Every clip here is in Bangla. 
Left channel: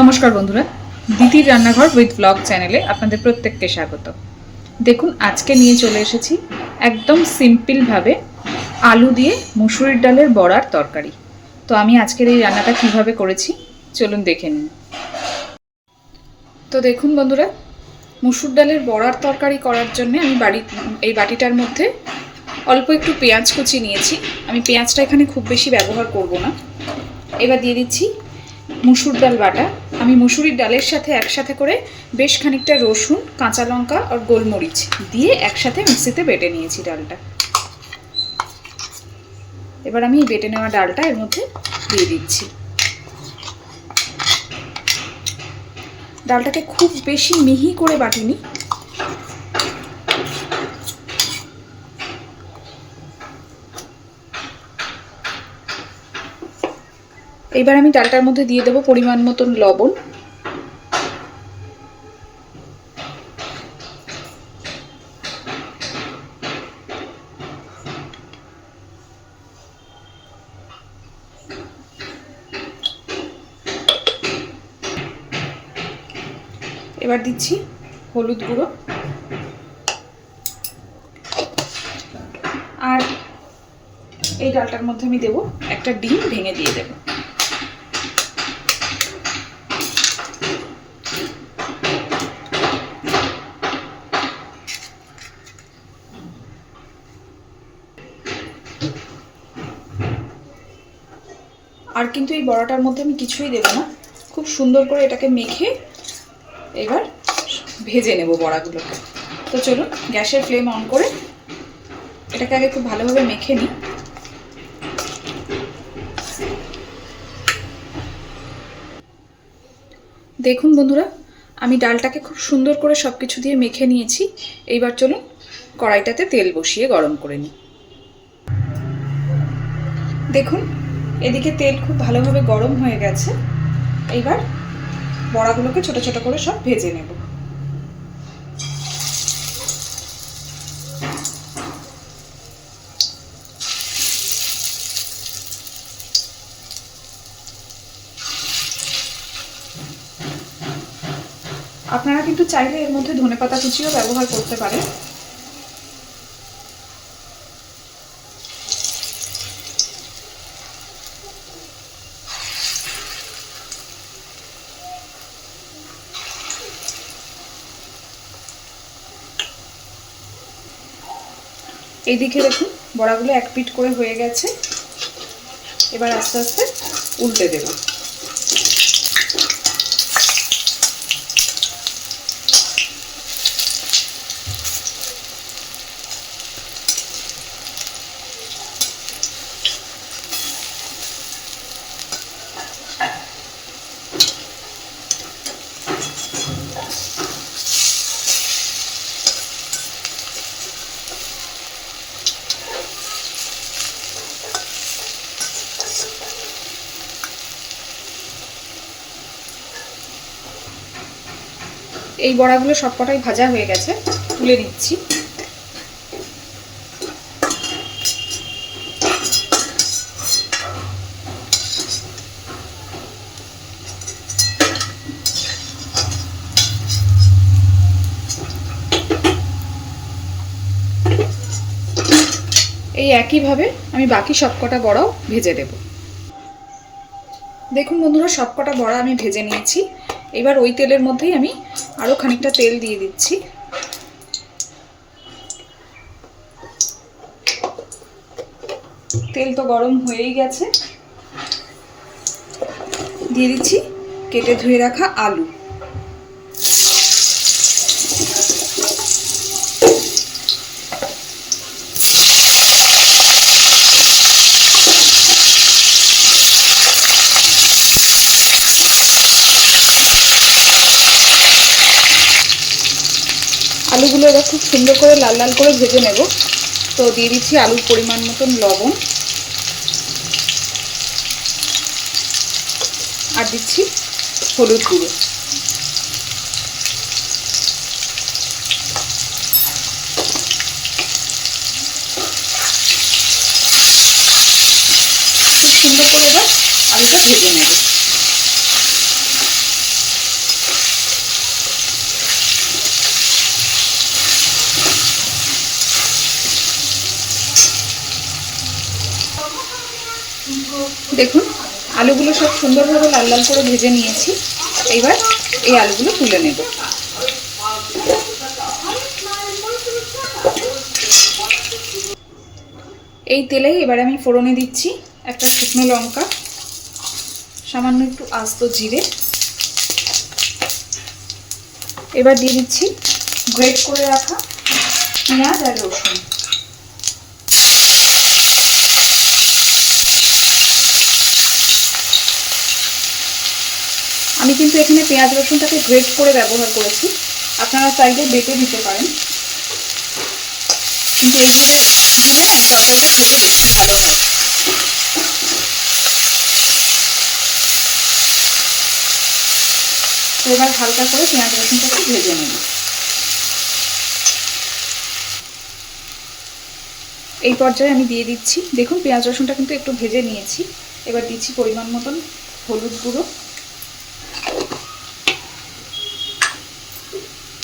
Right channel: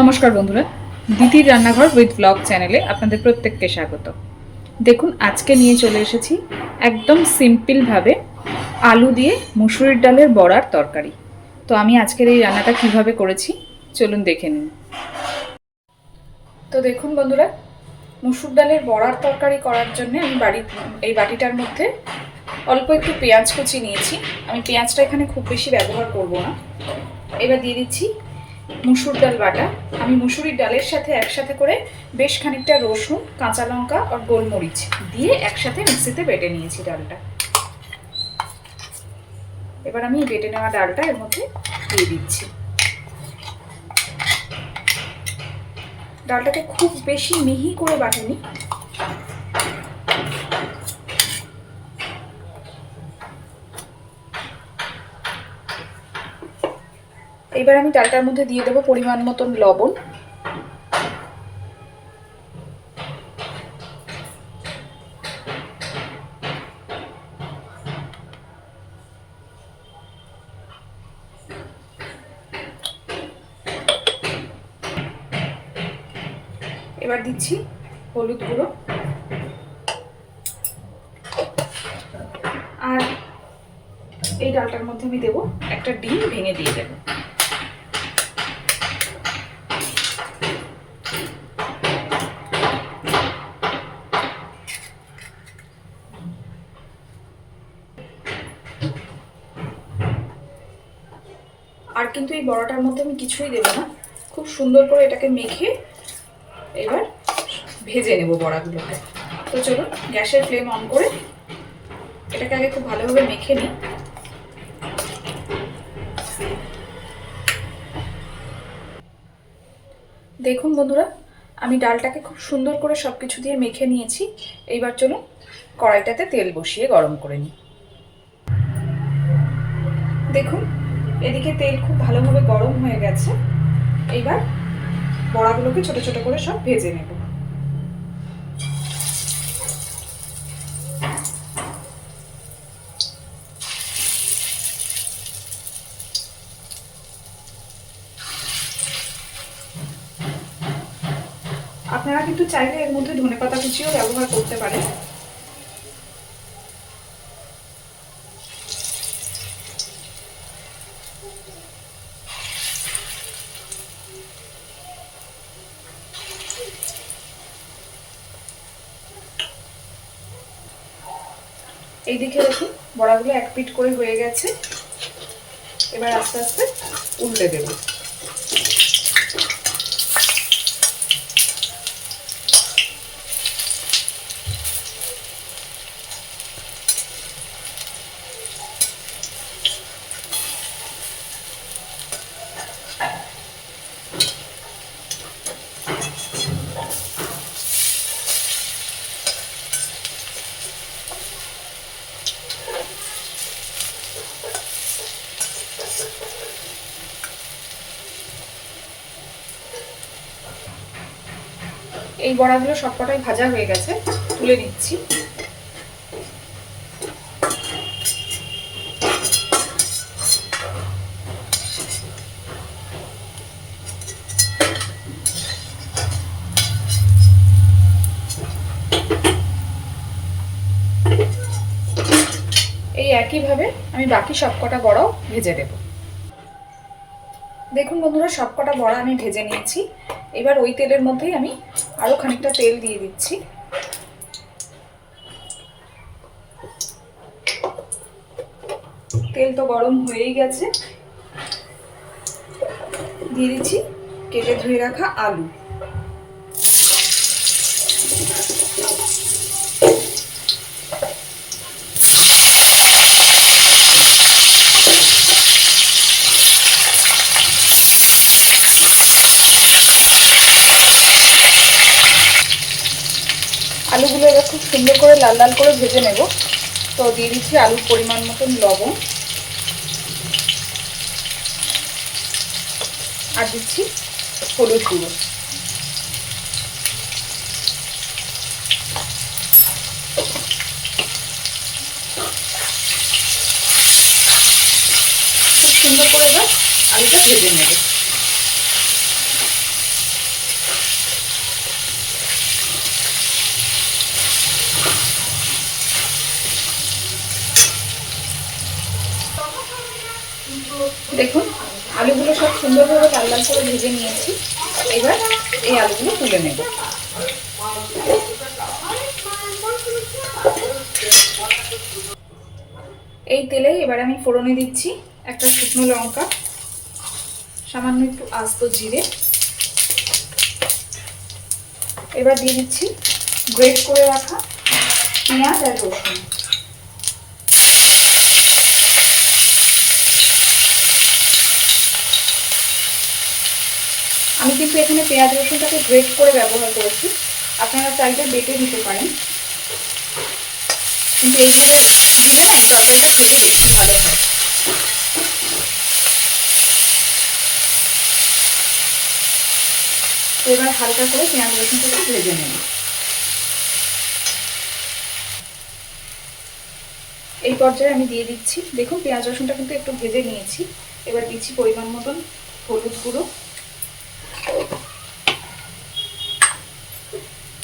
নমস্কার বন্ধুরা, দিদির রান্নাঘর উইথ ব্লগ চ্যানেলে আপনাদের প্রত্যেককে স্বাগত। দেখুন, আজকে নিয়ে চলে এসেছি একদম সিম্পলভাবে আলু দিয়ে মুসুরির ডালের বড়ার তরকারি। তো আমি আজকের এই রান্নাটা কিভাবে করেছি চলুন দেখে নিন। তো দেখুন বন্ধুরা, মুসুর ডালের বড়ার তরকারি করার জন্য আমি এই বাটিটার মধ্যে অল্প একটু পেঁয়াজ কুচি নিয়েছি। আমি পেঁয়াজটা এখানে খুব বেশি ব্যবহার করব না। এবার দিয়ে দিচ্ছি মুসুর ডাল বাটা। আমি মুসুরির ডালের সাথে একসাথে করে বেশ খানিকটা রসুন, কাঁচা লঙ্কা আর গোলমরিচ দিয়ে একসাথে মিক্সিতে বেটে নিয়েছি ডালটা। এবার আমি বেটে নেওয়া ডালটা এর মধ্যে দিয়ে দিচ্ছি। ডালটাকে খুব বেশি মিহি করে বাটিনি, এবার আমি ডালটার মধ্যে দিয়ে দেবো পরিমাণ মতন লবণ, এবার দিচ্ছি হলুদ গুঁড়ো, আর এই ডালটার মধ্যে আমি দেবো একটা ডিম ভেঙে দিয়ে দেবো। আর কিন্তু এই বড়াটার মধ্যে আমি কিছুই দেবো না, খুব সুন্দর করে এটাকে মেখে এবার ভেজে নেব বড়াগুলোকে। তো চলুন গ্যাসের ফ্লেম অন করে এটাকে আগে খুব ভালোভাবে মেখে নিই। দেখুন বন্ধুরা, আমি ডালটাকে খুব সুন্দর করে সব কিছু দিয়ে মেখে নিয়েছি। এইবার চলুন কড়াইটাতে তেল বসিয়ে গরম করে নিই। দেখুন এদিকে তেল খুব ভালোভাবে গরম হয়ে গেছে। এইবার বড়াগুলোকে ছোট ছোট করে সব ভেজে নেব। আপনারা কিন্তু চাইলে এর মধ্যে ধনেপাতা কুচিও ব্যবহার করতে পারেন। এইদিকে দেখুন বড়াগুলো এক পিঠ করে হয়ে গেছে। এবার আস্তে আস্তে উল্টে দেব। এই বড়াগুলো সবকটাই ভাজা হয়ে গেছে, তুলে নিচ্ছি। এই একইভাবে আমি বাকি সবকটা বড়াও ভেজে দেব। দেখুন বন্ধুরা, সবকটা বড়া আমি ভেজে নিয়েছি। এবার ওই তেলের মধ্যেই আমি আরো খানিকটা তেল দিয়ে দিচ্ছি। তেল তো গরম হয়েই গেছে, দিয়ে দিচ্ছি কেটে ধুয়ে রাখা আলু। আলুগুলো এবার খুব সুন্দর করে লাল লাল করে ভেজে নেব। তো দিয়ে দিচ্ছি আলুর পরিমাণ মতন লবণ, আর দিচ্ছি হলুদ গুঁড়ো। খুব সুন্দর করে এবার আলুটা ভেজে নেব। দেখুন আলুগুলো সব সুন্দরভাবে লাল লাল করে ভেজে নিয়েছি। এবার এই আলুগুলো তুলে নেব। এই তেলে এবার আমি ফোড়নে দিচ্ছি একটা শুকনো লঙ্কা, সামান্য একটু আস্ত জিরে, এবার দিয়ে দিচ্ছি গ্রেট করে রাখা পেঁয়াজ আর রসুন। আমি কিন্তু এখানে পেঁয়াজ রসুনটাকে গ্রেট করে ব্যবহার করেছি, আপনারা চাইলে বেটে দিতে পারেন, কিন্তু এইভাবে দিলে না এই তরকারিটা খেতে বেশি ভালো হয়। এবার হালকা করে পেঁয়াজ রসুনটাকে ভেজে নেব। এই পর্যায়ে আমি দিয়ে দিচ্ছি, দেখুন পেঁয়াজ রসুনটা কিন্তু একটু ভেজে নিয়েছি। এবার দিচ্ছি পরিমাণ মতন হলুদ গুঁড়ো,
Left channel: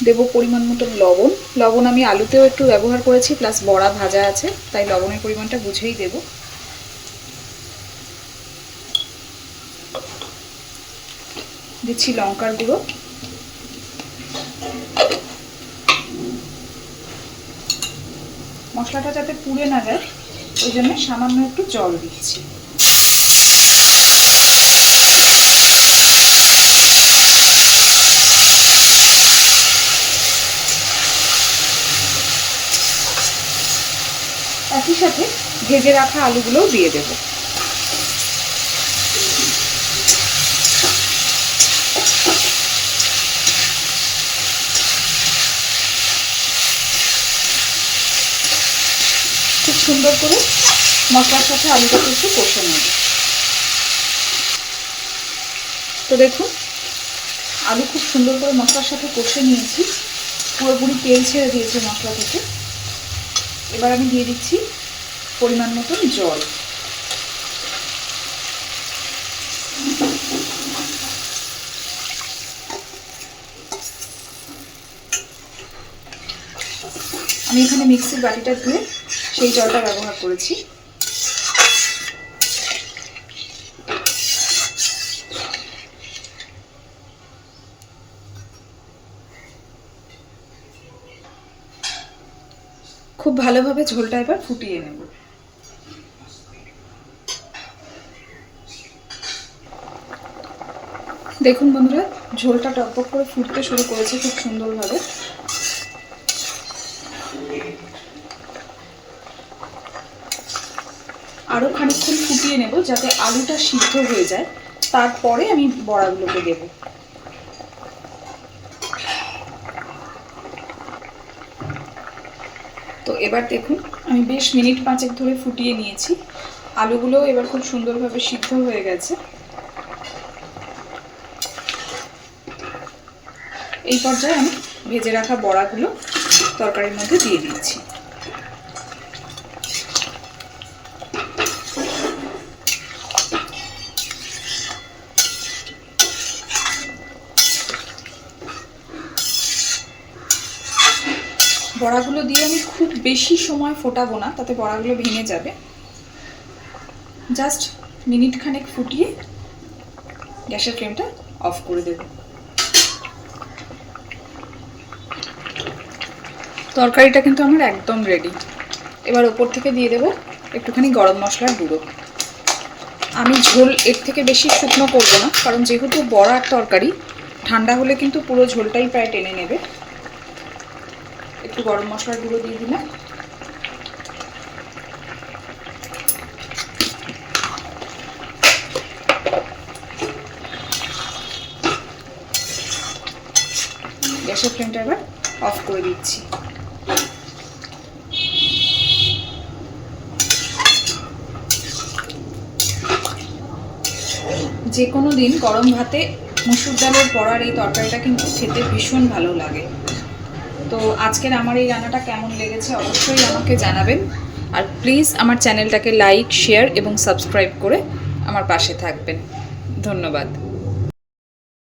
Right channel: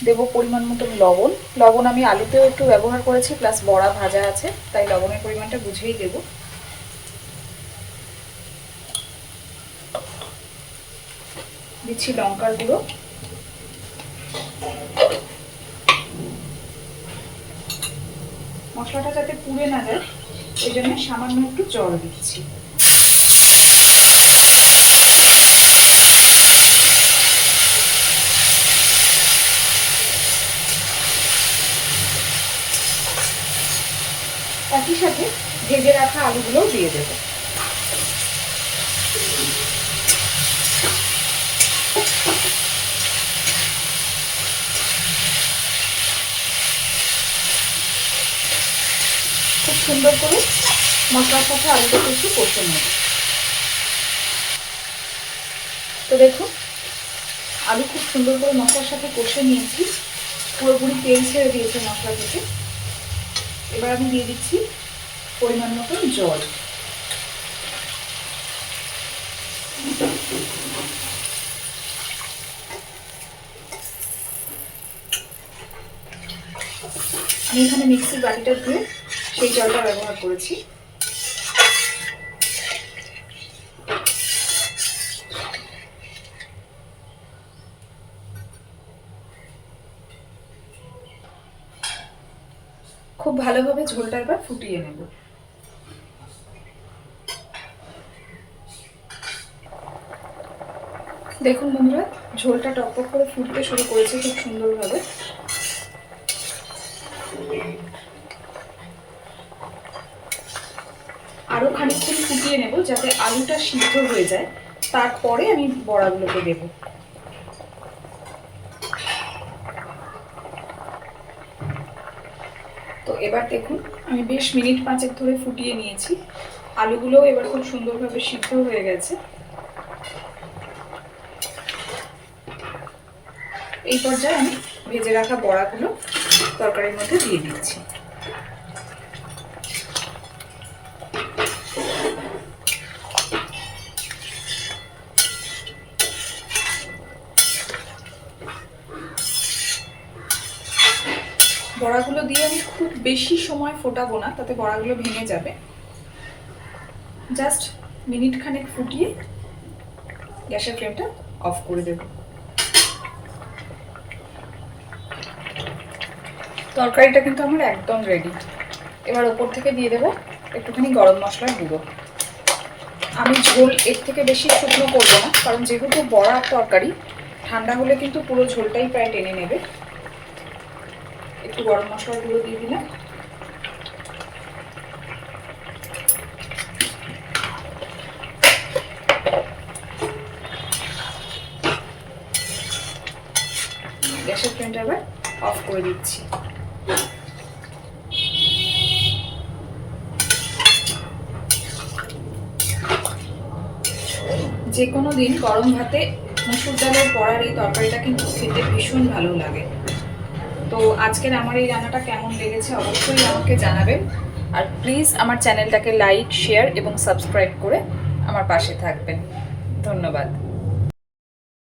দেব পরিমাণ মতন লবণ। লবণ আমি আলুতেও একটু ব্যবহার করেছি, প্লাস বড়া ভাজা আছে, তাই লবণের পরিমাণটা বুঝেই দেব। দিচ্ছি লঙ্কার গুঁড়ো, মশলাটা যাতে পুড়ে না যায় ওই জন্য সামান্য একটু জল দিচ্ছি। একই সাথে ভেজে রাখা আলুগুলোও দিয়ে দেব। খুব সুন্দর করে মশলার সাথে আলুটাকে একটু কষে নেব। তো দেখুন আলু খুব সুন্দর করে মশলার সাথে কষে নিয়েছি, পুরোপুরি তেল ছেড়ে দিয়েছে মশলা থেকে। এবার আমি দিয়ে দিচ্ছি পরিমাণ মতন জল। আমি এখানে মিক্সির বাটিটা ধুয়ে সেই জলটা ব্যবহার করেছি। খুব ভালোভাবে ঝোলটা এবার ফুটিয়ে নেব। দেখুন বন্ধুরা ঝোলটা টকবক করে ফুটতে শুরু করেছে খুব সুন্দরভাবে। আরো খানিকক্ষণ ফুটিয়ে নেব যাতে আলুটা সিদ্ধ হয়ে যায়, তারপরে আমি বড়াগুলোকে দেব। তো এবার দেখুন আমি বেশ মিনিট 5 ধরে ফুটিয়ে নিয়েছি, আলুগুলোও এবার খুব সুন্দরভাবে সিদ্ধ হয়ে গেছে। এই পর্যায়ে আমি ভেজে রাখা বড়াগুলো তরকারির মধ্যে দিয়ে দিচ্ছি। বড়াগুলো দিয়ে আমি খুব বেশি সময় ফোটাবো না, তাতে বড়াগুলো ভেঙে যাবে। জাস্ট মিনিট খানেক ফুটিয়ে গ্যাসের ফ্লেমটা অফ করে দেব। তরকারিটা কিন্তু আমার একদম রেডি। এবার ওপর থেকে দিয়ে দেবো একটুখানি গরম মশলার গুঁড়ো। আমি ঝোল এর থেকে বেশি শুকনো করবো না, কারণ যেহেতু বড়ার তরকারি ঠান্ডা হলে কিন্তু পুরো ঝোলটাই প্রায় টেনে নেবে। একটু গরম মশলার গুঁড়ো দিয়ে দিলাম। গ্যাসের ফ্লেমটা এবার অফ করে দিচ্ছি। যে কোনো দিন গরম ভাতে মুসুর ডালের বড়ার এই তরকারিটা কিন্তু খেতে ভীষণ ভালো লাগে। তো আজকের আমার এই রান্নাটা কেমন লেগেছে অবশ্যই আমাকে জানাবেন, আর প্লিজ আমার চ্যানেলটাকে লাইক, শেয়ার এবং সাবস্ক্রাইব করে আমার পাশে থাকবেন। ধন্যবাদ।